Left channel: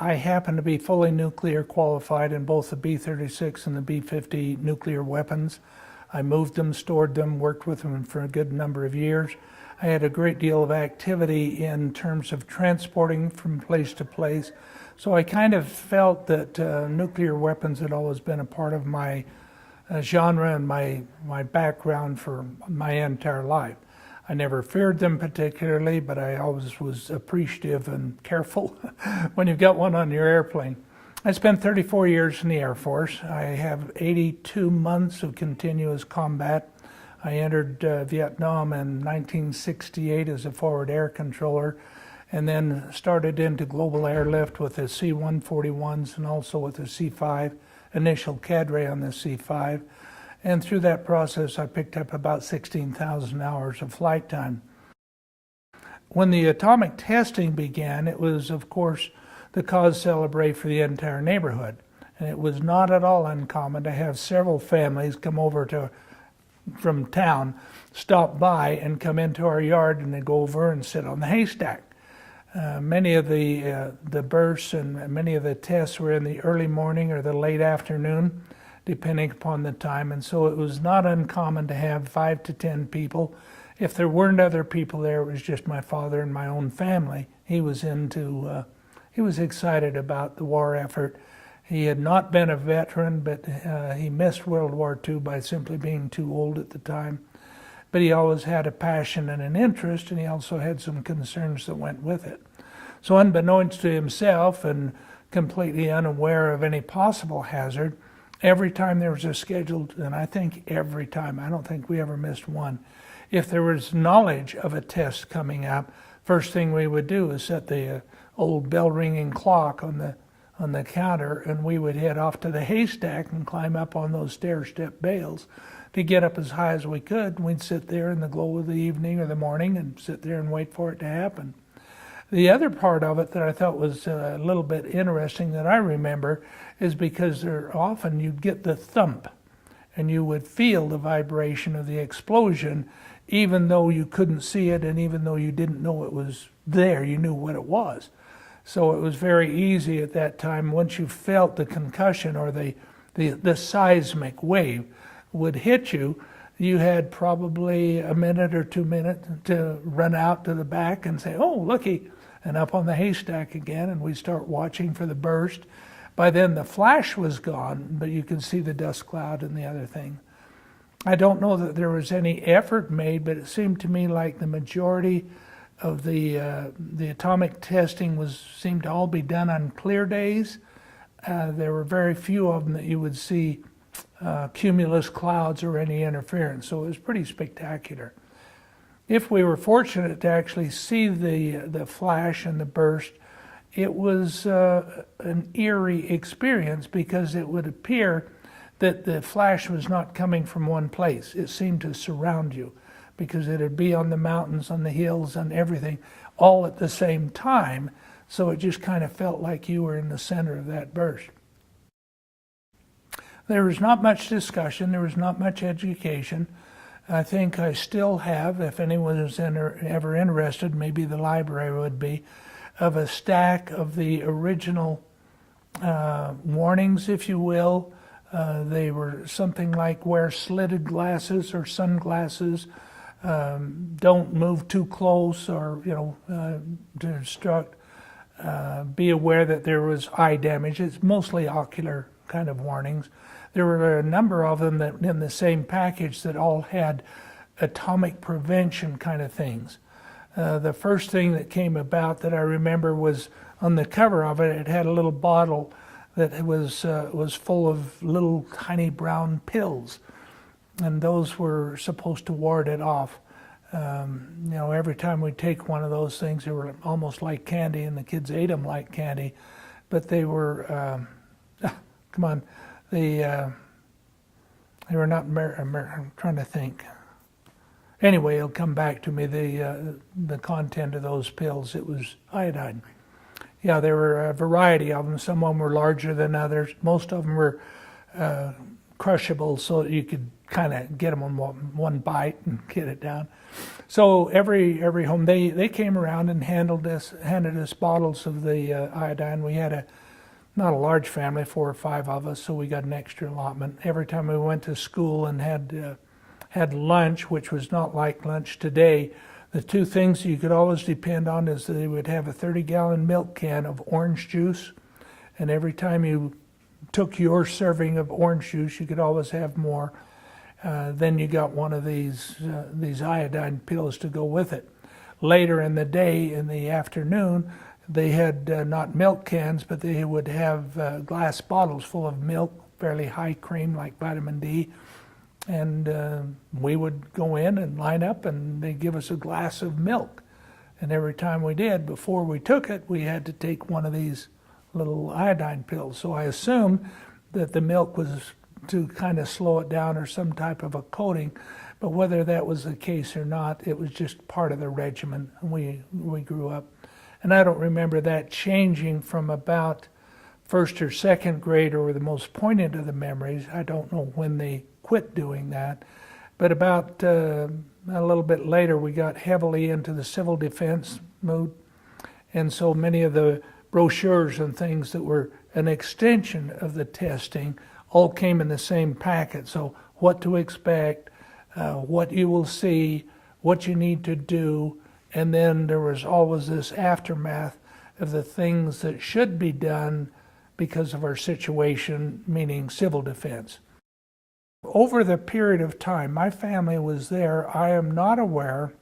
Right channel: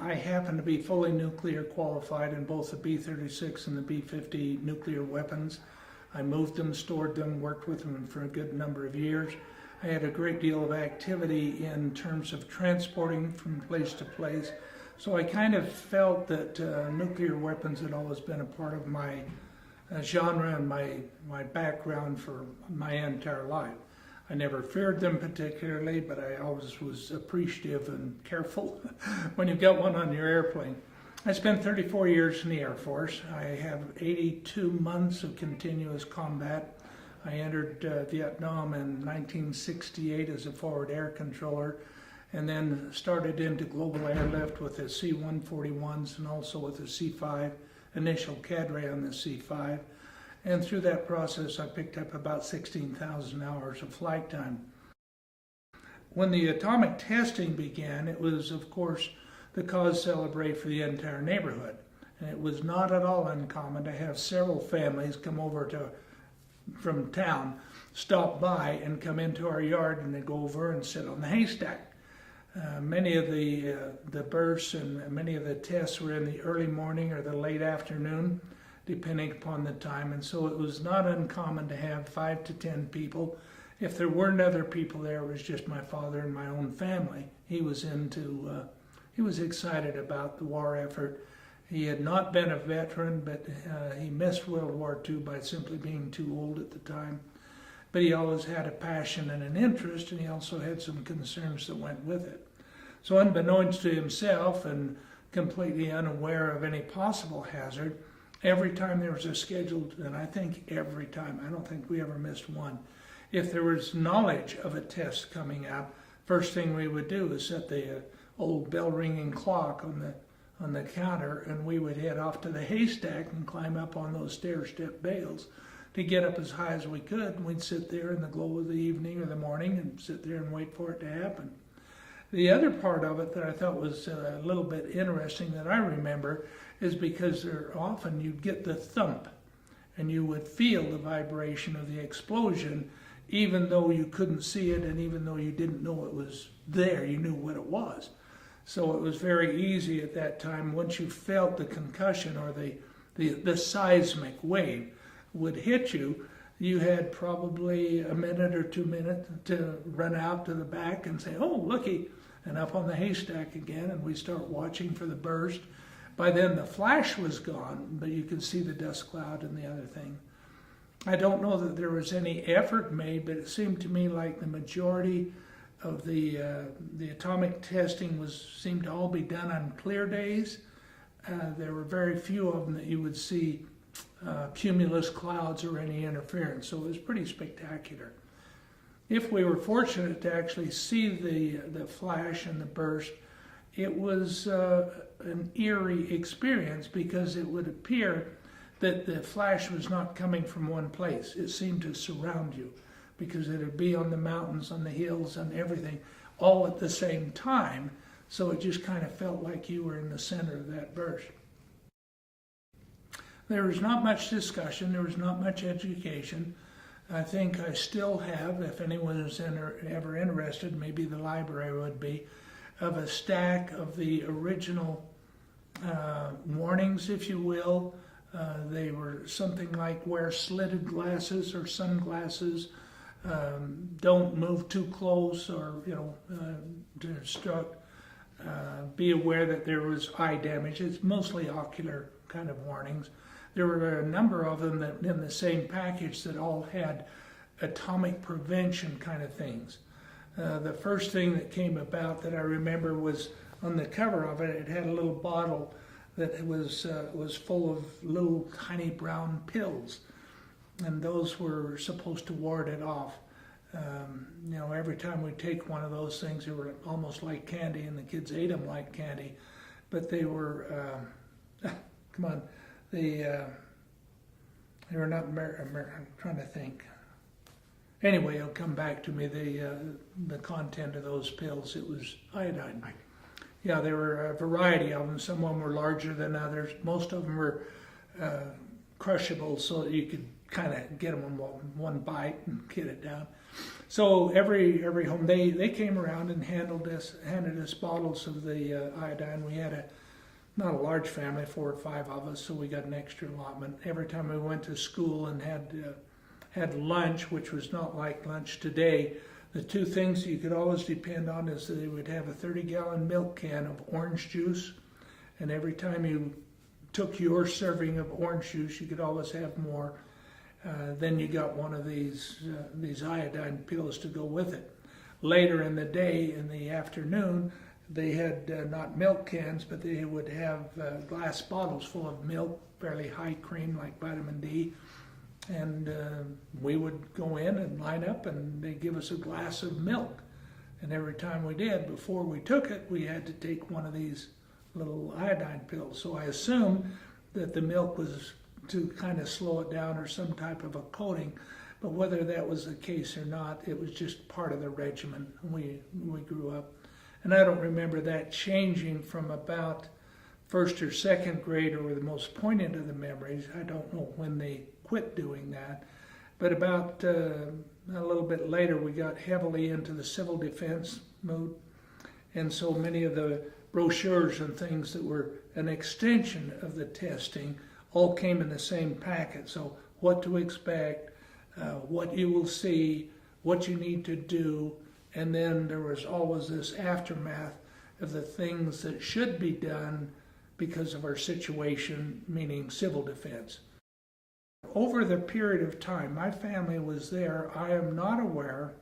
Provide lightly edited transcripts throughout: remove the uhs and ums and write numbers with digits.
I happen to be fully nuclear qualified in both the B-36 and the B-50 nuclear weapons. I moved them, stored them, worked with them for a good number of years. I had a great deal of activity in terms of transporting from place to place. So I kind of felt that nuclear weapons had always been a part of my genre and my background for my entire life. I never feared them particularly, but I always was appreciative and careful when you've got one on your airplane. I spent 34 years in the Air Force. I have 82 months of continuous combat. I entered Vietnam in 1968 as a forward air controller, and then started into global airlift with the C-141s and also with the C-5, initial cadre on the C-5. And through that process, I picked up about 16,000 hours of flight time. When the atomic testing began, it was, of course, the cause celebre for the entire neighborhood. And it was not at all uncommon to have several families come over from town, stop by and come into our yard, and they go over and sit on the haystack. Many of the bursts and many of the tests were in the early morning or the late afternoon, depending upon the time, and so it was not uncommon to have 5 to 10 people. If there weren't other people there, it was just my father and my own family. He was excited about the war effort. He had not been a veteran, but he missed World War II by simply being too old at the time. But he always had a passion and an interest, and he also had some concerns that went with it. So unbeknownst to himself and completely unaware of any possible hazard, every time there was a scheduled, and I think every time, I don't think we ever missed one, if there was knowledge of a test coming up, first thing we would do is set the old bell ringing clock on the counter, and we would head off to the haystack and climb up on those stair-step bales to get up as high as we could. And we'd sit there in the glow of the evening or the morning and sit there and wait for it to happen. The other part of it that I thought was a little bit interesting that I remember is because often you'd get the thump and you would feel the vibration of the explosion, even though you couldn't see it and even though you didn't know it was there, you knew what it was. So it was very easy at that time, once you felt the concussion or the seismic wave would hit you, you had probably a minute or 2 minutes to run out to the back and say, oh, looky, and up on the haystack again, and we start watching for the burst. By then the flash was gone, but you could see the dust cloud and the other thing. I don't know that there was any effort made, but it seemed to me like the majority of the atomic testing seemed to all be done on clear days. There were very few of them that you would see cumulus clouds or any interference, so it was pretty spectacular. If we were fortunate to actually see the flash and the burst, it was an eerie experience because it would appear that the flash was not coming from one place. It seemed to surround you because it would be on the mountains, on the hills, and everything, all at the same time. So it just kind of felt like you were in the center of that burst. There was not much discussion. There was not much education. I think I still have, if anyone is ever interested, maybe the library would be, of a stack of the original warnings, if you will. They were something like wear slitted glasses or sunglasses, don't move too close, or to instruct, be aware that there was eye damage. It's mostly ocular kind of warnings. There were a number of them that in the same package that all had atomic prevention kind of things. The first thing that came about that I remember was on the cover of it, it had a little bottle that was full of little tiny brown pills, and those were supposed to ward it off. Every time we take one of those things, they were almost like candy, and the kids ate them like candy, but they were, come on, they were not, I'm trying to think. Anyway, it'll come back to me, the content of those pills. It was iodine. Yeah, there were a variety of them. Some of them were larger than others. Most of them were crushable so that you could kind of get them on one bite and get it down. So every home, they came around and handed us bottles of the iodine. We had not a large family, 4 or 5 of us, so we got an extra allotment. Every time we went to school and had lunch, which was not like lunch today, the 2 things you could always depend on is that they would have a 30-gallon milk can of orange juice, and every time you took your serving of orange juice, you could always have more. Then you got one of these iodine pills to go with it. Later in the day, in the afternoon, they had not milk cans, but they would have glass bottles full of milk, fairly high cream like vitamin D. And we would go in and line up, and they'd give us a glass of milk. And every time we did, before we took it, we had to take one of these little iodine pills. So I assumed that the milk was to kind of slow it down or some type of a coating. But whether that was the case or not, it was just part of the regimen we grew up. And I don't remember that changing from about 1st or 2nd grade, or the most poignant of the memories. I don't know when they quit doing that. But about a little bit later, we got heavily into the civil defense mood. And so many of the brochures and things that were an extension of the testing all came in the same packet. So what to expect, what you will see, what you need to do, and then there was always this aftermath of the things that should be done because of our situation, meaning civil defense. Over the period of time, my family was there. I am not aware.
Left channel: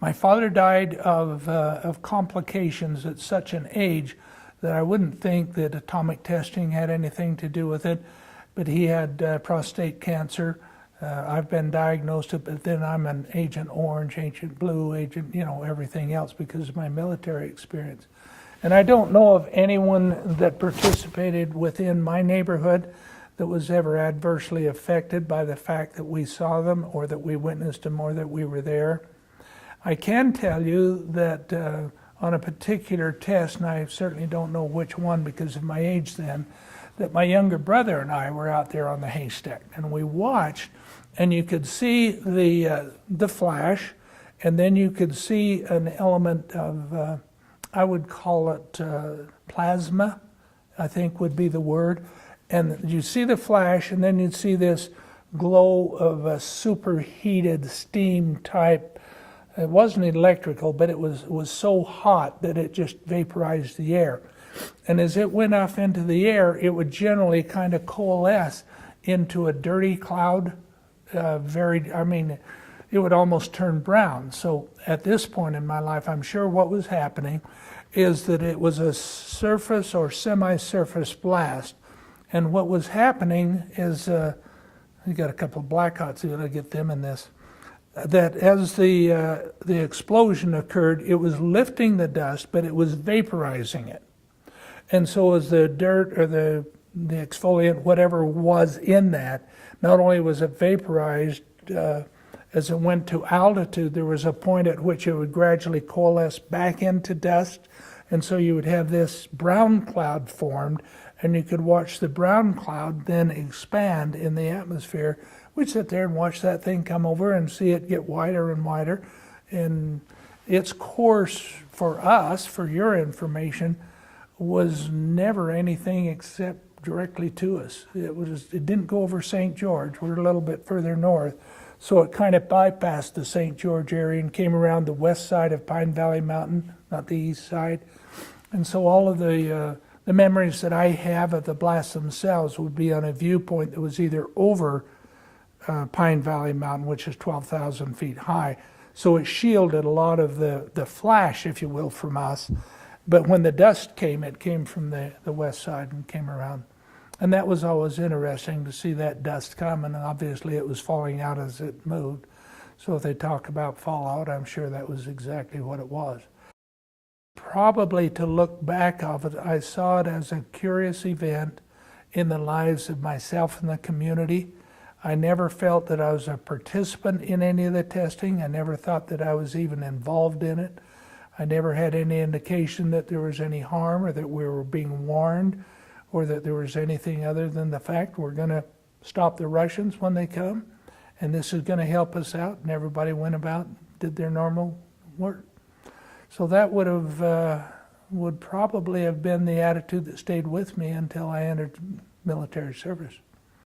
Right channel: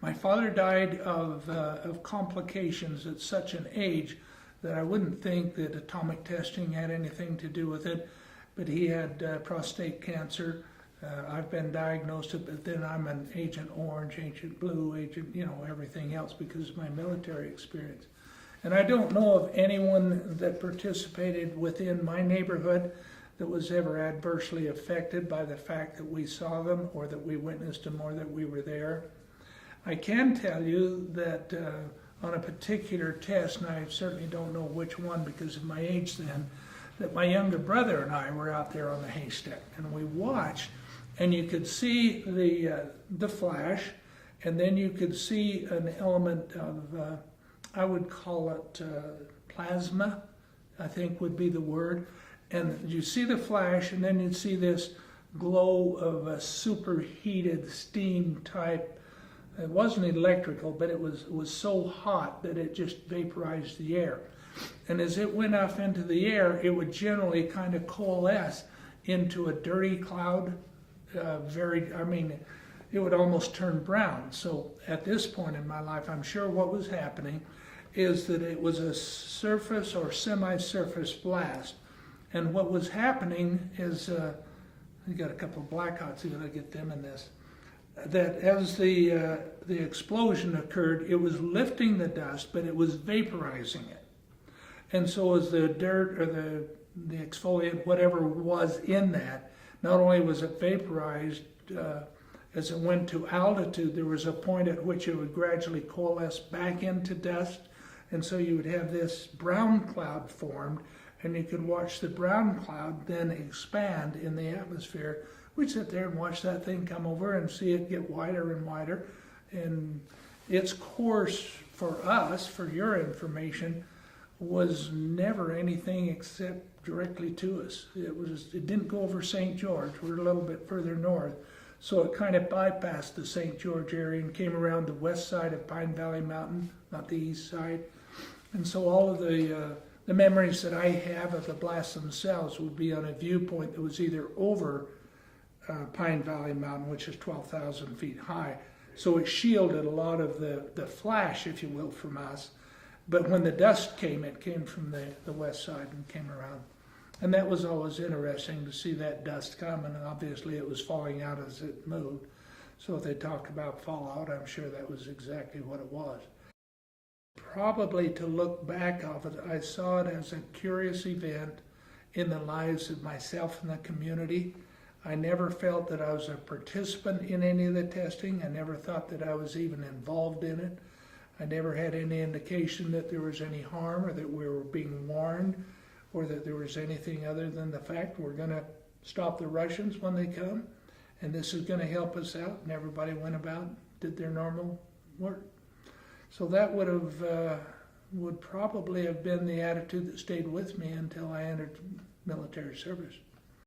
My father died of complications at such an age that I wouldn't think that atomic testing had anything to do with it, but he had prostate cancer. I've been diagnosed, but then I'm an Agent Orange, Agent Blue, Agent, everything else because of my military experience. And I don't know of anyone that participated within my neighborhood that was ever adversely affected by the fact that we saw them or that we witnessed them or that we were there. I can tell you that on a particular test, and I certainly don't know which one because of my age then, that my younger brother and I were out there on the haystack, and we watched, and you could see the flash, and then you could see an element of, I would call it plasma, I think would be the word. And you see the flash, and then you'd see this glow of a superheated steam type. It wasn't electrical, but it was so hot that it just vaporized the air. And as it went off into the air, it would generally kind of coalesce into a dirty cloud. It would almost turn brown. So at this point in my life, I'm sure what was happening is that it was a surface or semi-surface blast. And what was happening is, we got a couple of blackouts, so I get them in this, that as the explosion occurred, it was lifting the dust, but it was vaporizing it. And so as the dirt or the exfoliant, whatever was in that, not only was it vaporized, as it went to altitude, there was a point at which it would gradually coalesce back into dust. And so you would have this brown cloud formed, and you could watch the brown cloud then expand in the atmosphere. We'd sit there and watch that thing come over and see it get wider and wider. And its course for us, for your information, was never anything except directly to us. It didn't go over St. George. We're a little bit further north. So it kind of bypassed the St. George area and came around the west side of Pine Valley Mountain, not the east side. And so all of the memories that I have of the blasts themselves would be on a viewpoint that was either over Pine Valley Mountain, which is 12,000 feet high. So it shielded a lot of the flash, if you will, from us. But when the dust came, it came from the west side and came around. And that was always interesting to see that dust come, and obviously it was falling out as it moved. So if they talk about fallout, I'm sure that was exactly what it was. Probably to look back of it, I saw it as a curious event in the lives of myself and the community. I never felt that I was a participant in any of the testing. I never thought that I was even involved in it. I never had any indication that there was any harm or that we were being warned or that there was anything other than the fact we're going to stop the Russians when they come, and this is going to help us out. And everybody went about, did their normal work. So that would probably have been the attitude that stayed with me until I entered military service.